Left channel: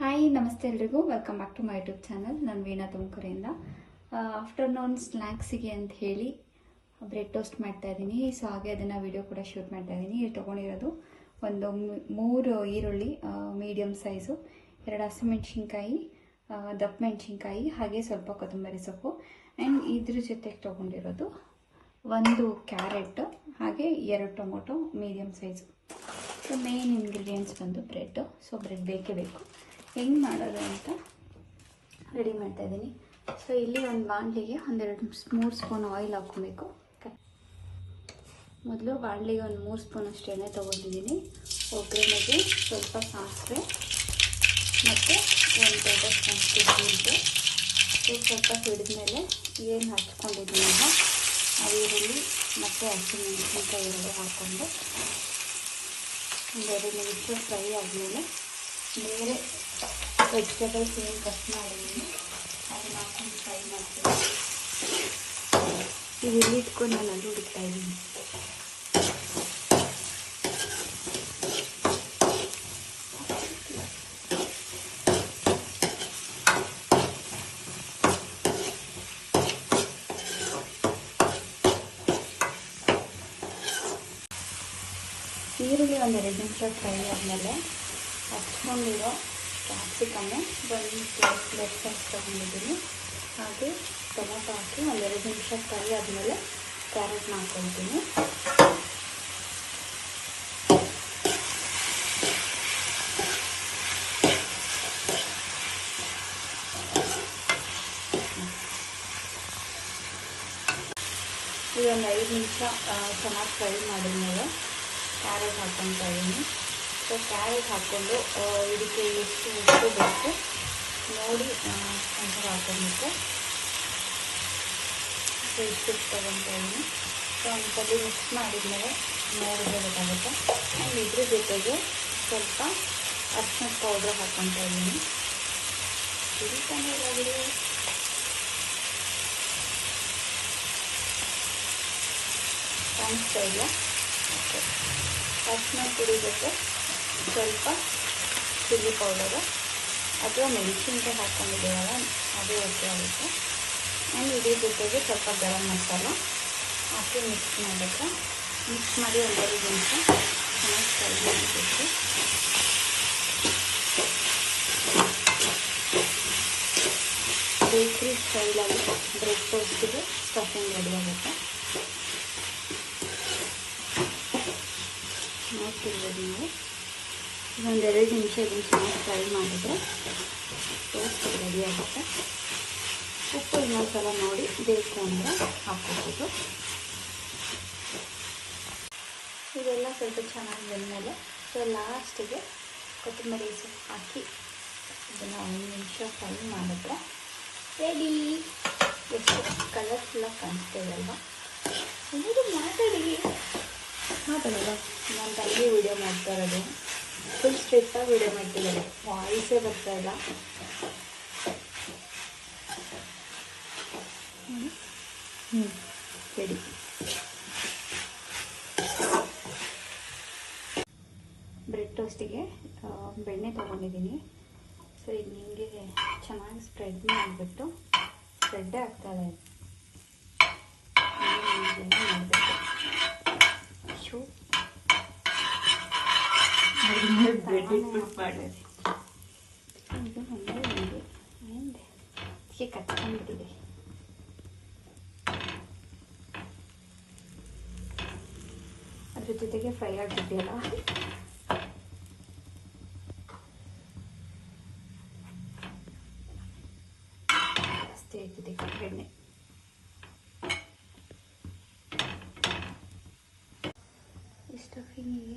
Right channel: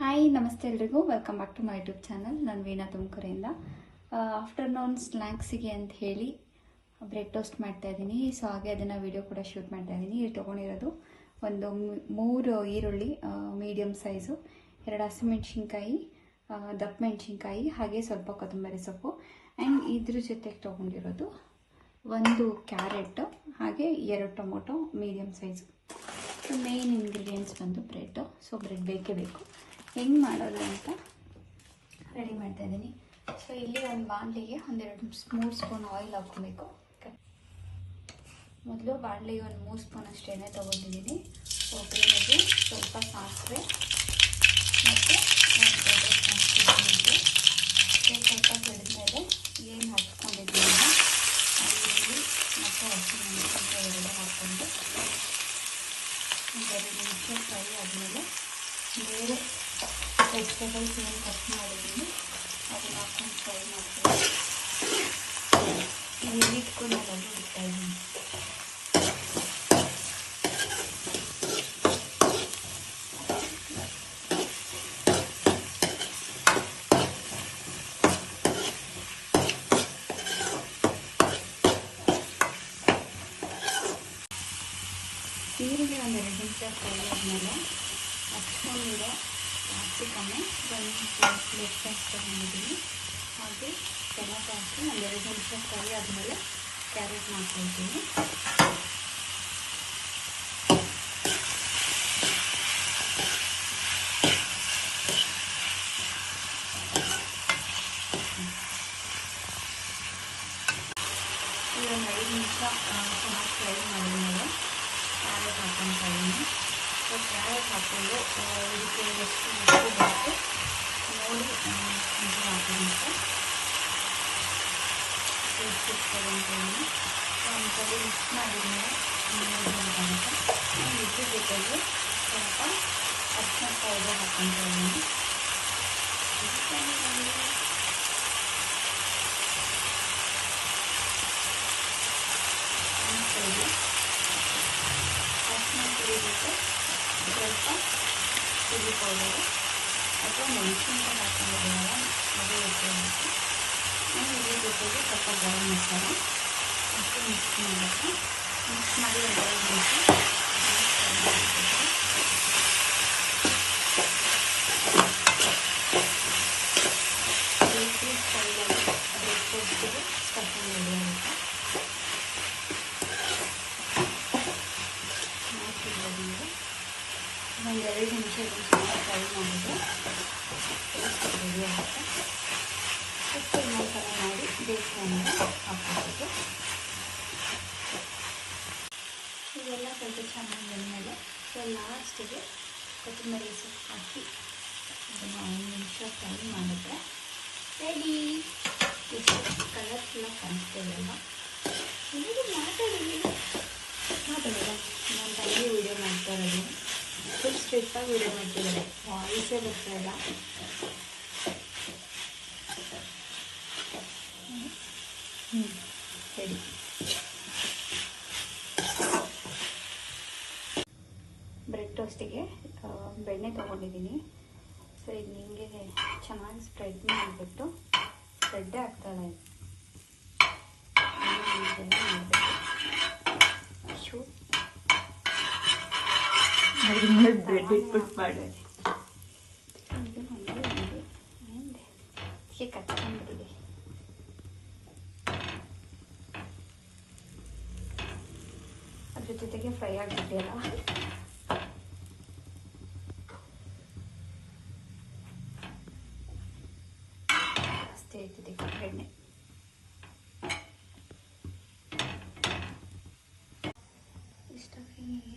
Hi ನಮಸ್ತೆ ಎಲ್ರಿಗೂ. Welcome back to my YouTube channel ನಾನು ವೀಣಾ ತುಮಕೂರಿಂದ. ಆಫ್ಟರ್ನೂನ್ ಸ್ನ್ಯಾಕ್ಸಿಗೆ ಅಂತ ಹೇಳಿ ಬ್ರೆಡ್ ಟೋಸ್ಟ್ ಮಾಡ್ತಾ ಇದ್ದೀನಿ. ಸೊ ಹಾಗೆ ಅದನ್ನು ವಿಡಿಯೋ ಕೂಡ ಶೂಟ್ ಮಾಡ್ತಾ ಇದ್ದೀನಿ. ಇಲ್ಲಿ ತೊಗೊಂಡಿರೋದು ಒಂದು ಮೂರು ಈರುಳ್ಳಿ ಮೀಡಿಯಮ್ ಸೈಜು ಎರಡು ಹಸಿಮೆಣ್ಸಿನ್ಕಾಯಿ ದಪ್ಪ ಮೆಣಸಿನ್ಕಾಯಿ, ಹಾಗೆ ಸ್ವಲ್ಪ ಕೊತ್ತಂಬರಿ ಸೊಪ್ಪು. ಆ್ಯಂಡ್ ಇದ್ರ ಜೊತೆಗೆ ತೊಗೊಂಡಿರೋದು ಒಂದು ಕ್ಯಾರೆಟ್, ಹಾಗೆ ಎರಡು tomato medium size so main ingredients ಬಂದು ಬ್ರೆಡ್ಡು ಸೊ ಬ್ರೆಡ್ ಬೇಕೇ ಬೇಕು. ಹೆಂಗೆ ಮಾಡೋದು ಅಂತ ರೆಡಿ ಮಾಡ್ತಾ ಇದ್ದೀನಿ. ಸೊ ಇಲ್ಲಿ ಒಂದು ಬಾಣಲಿಗೆ ಒಂದೆರಡು ಮೂರು ಸ್ಪೂನ್ ಆಯಿಲ್ ಹಾಕ್ಕೊಬೇಕು. ಮೊದಲು ಬಾಣಲಿಗೆ ಒಂದು ಮೂರು ಸ್ಪೂನ್ ಅಷ್ಟು ಎಣ್ಣೆ ತೊಗೊಂಡಿದ್ದೀನಿ. ಒಗ್ಗರಣೆಗೆ ಸ್ವಲ್ಪ ಸಾಸಿವೆ ಮತ್ತು ಒಂದು ಸಂಸ್ಕೃತಿ ಇದು ಸ್ವಲ್ಪ ಹಿಡಿದ್ಮೇಲೆ ಏನು ಹಾಕ್ಕೊಂಡಿದ್ದೀನಲ್ಲ ಆ ಈರುಳ್ಳಿ ಹಸಿ ಹಸಿಮೆಣಸಿನ್ಕಾಯಿ ಎರಡು ಹಾಕ್ಕೊಂಡು ಒಂದೆರಡು ನಿಮಿಷ ಫ್ರೈ ಆದಮೇಲೆ ಮೇಲೆ ವೆಜಿಟೇಬಲ್ಸ್ ಏನು ಕಟ್ ಮಾಡಿದ್ದೀನಿ ಅದನ್ನು ಹಾಕೊಂಡು ಫ್ರೈ ಮಾಡ್ತೀನಿ ಇದು ಇಲ್ಲಿ ಇಟ್ಕೊಂಡು ಅಲ್ಲಿ ಇಡ್ತಾ ಇದ್ದೀನಿ ಈರುಳ್ಳಿ ಒಂದು ಎರಡು ನಿಮಿಷ ಫ್ರೈ ಆದಮೇಲೆ ಹಚ್ಕೊಂಡಿರೋ ಕ್ಯಾಪ್ಸಿಕಮ್ಮು ಒಂದು ಲೆಫ್ಟ್ ತೊಗೊಂಡಿದ್ದೀನಿ ಹಾಗೆ ಟೊಮೆಟೊ ಹಾಕಿ ಒಂದೆರಡು ನಿಮಿಷ ಫ್ರೈ ಆದಮೇಲೆ ಕ್ಯಾರೆಟ್ ಮಾಡ್ಕೊಳ್ತೀನಿ ಇದೊಂದು ಐದು ನಿಮಿಷ ಚೆನ್ನಾಗಿ ಫ್ರೈ ಮಾಡಿದ್ಮೇಲೆ ಕ್ಯಾರೆಟ್ ಹಾಕ್ಕೊತಾ ಇದ್ದೀನಿ ಸೊ ಕ್ಯಾರೆಟ್ ಹಾಕ್ಕೊಂಡು ಇದಕ್ಕೆ ಎಷ್ಟು ಉಪ್ಪು ಬೇಕು ನೋಡಿ ಇದು ಹಾಕೋಬೇಕು ಉಪ್ಪು ತಗೊಂಡು ಒಂದ್ಸಲಿ ಸ್ವಲ್ಪ ಮಿಕ್ಸ್ ಮಾಡಿದ್ಮೇಲೆ ನೋಡಿದ್ರೆ ಗೊತ್ತಾಗುತ್ತೆ ಇದ್ರ ಜೊತೆಗೆ ಸ್ವಲ್ಪ ಅರ್ಶಿನ ಪೌಡರ್ ಹಾಕ್ಕೊತಾ ಇದ್ದೀನಿ. ಕಾಣಿಸ್ತಾ ಇಲ್ಲ ಸ್ವಲ್ಪ ಚಿಲ್ಲಿ ಪೌಡರು ಅಥವಾ ಮೆಣಸಿನ್ಕಾಯಿ ಹಾಕೊಂಡಿದ್ದೇವೆ ಅದು ಆ್ಯಂಡ್ ಇದ್ರ ಜೊತೆಗೆ ಸ್ವಲ್ಪ ಗರಂ ಮಸಾಲ ಹಾಕಿ ಮಿಕ್ಸ್ ಮಾಡಬೇಕು. ಮಿಕ್ಸ್ ಮಾಡಿ ಫ್ರೈ ಮಾಡಬೇಕು. ಬೇಕ್ರಿ ಸ್ಟೈಲಲ್ಲಿ ಬ್ರೆಡ್ ಟೋಸ್ಟಿಗೆ ಸ್ಟಫಿಂಗ್ ರೆಡಿ ಇದನ್ನು ಚೆನ್ನಾಗಿ ಫ್ರೈ ಮಾಡಿದ್ರೆ ಟೇಸ್ಟ್ ರೆಡಿ ಆಗುತ್ತೆ. ಉಪ್ಪು ಇನ್ನೊಂದು ಸಲ ನೋಡಿ ಬೇಕು ಅಂದರೆ ಹಾಕ್ಬೋದು. ಇದೆಲ್ಲ ಸ್ವಲ್ಪ ಚೆನ್ನಾಗಿ ಬಂದಮೇಲೆ ಸೊ ಲಾಸ್ಟಿಗೆ ಕೊತ್ತಂಬರಿ ಸೊಪ್ಪು ಹಾಕಿ, ಅದನ್ನು ಒಂದು ನಿಮಿಷ ಫ್ರೈ ಮಾಡಿದ್ರೆ ರೆಡಿ ಎಷ್ಟು ಕಲರ್ಫುಲ್ಲಾಗಿ ಕಾಣಿಸ್ತಿದೆ ಅಲ್ವಾ? ಮಾತಾಡಿ. ಮಾತಾಡಿ. ನಾನು ತಂಗಿ ವೀಡಿಯೋ ಮಾಡ್ತಾ ಇರೋದು. ಫುಲ್ ಸ್ಟ್ರಿಕ್ಟಾಗಿ ವೀಡಿಯೋ ಮಾಡ್ತಿದ್ದಾರೆ. ವಾಯ್ಸೇ ಬರ್ತಾ ಇಲ್ಲ. ಹ್ಞೂ ಸರಿ. ಬ್ರೆಡ್ ಟೋಸ್ಟಿಗೆ ಬೆಣ್ಣೆ ತಗೊಂಡಿದ್ದೀನಿ. ಸೊ ಈಗ ನಿಮಗೆ ಚೆನ್ನಾಗಿ ಸ್ಪ್ರೆಡ್ ಮಾಡಿಬಿಟ್ಟು ಸ್ಪ್ರೆಡ್ಡೇ ಆಗ್ತಾಳೆ ಮಾಡಬೇಕು ಶೂ ಬ್ರೆಡ್ ಇಟ್ಬಿಟ್ಟು ಮಾಡಿ ಇದು ಹಂಗೆ ಹಂಗೆ ಹಿಂದೆ ಹೀಗೆ ಕಚ್ಕೊಂಡ್ಬಿಟ್ಟಿದೆ ಅದ್ರ ಜೊತೆಗೆ ಫ್ರೈ ಆಗಿಬಿಟ್ಟಿಲ್ಲ ಅಷ್ಟೇ ಜೊತೆಗೆ ಎಣ್ಣೆ ಇಷ್ಟು ಫೀನಿಗೆ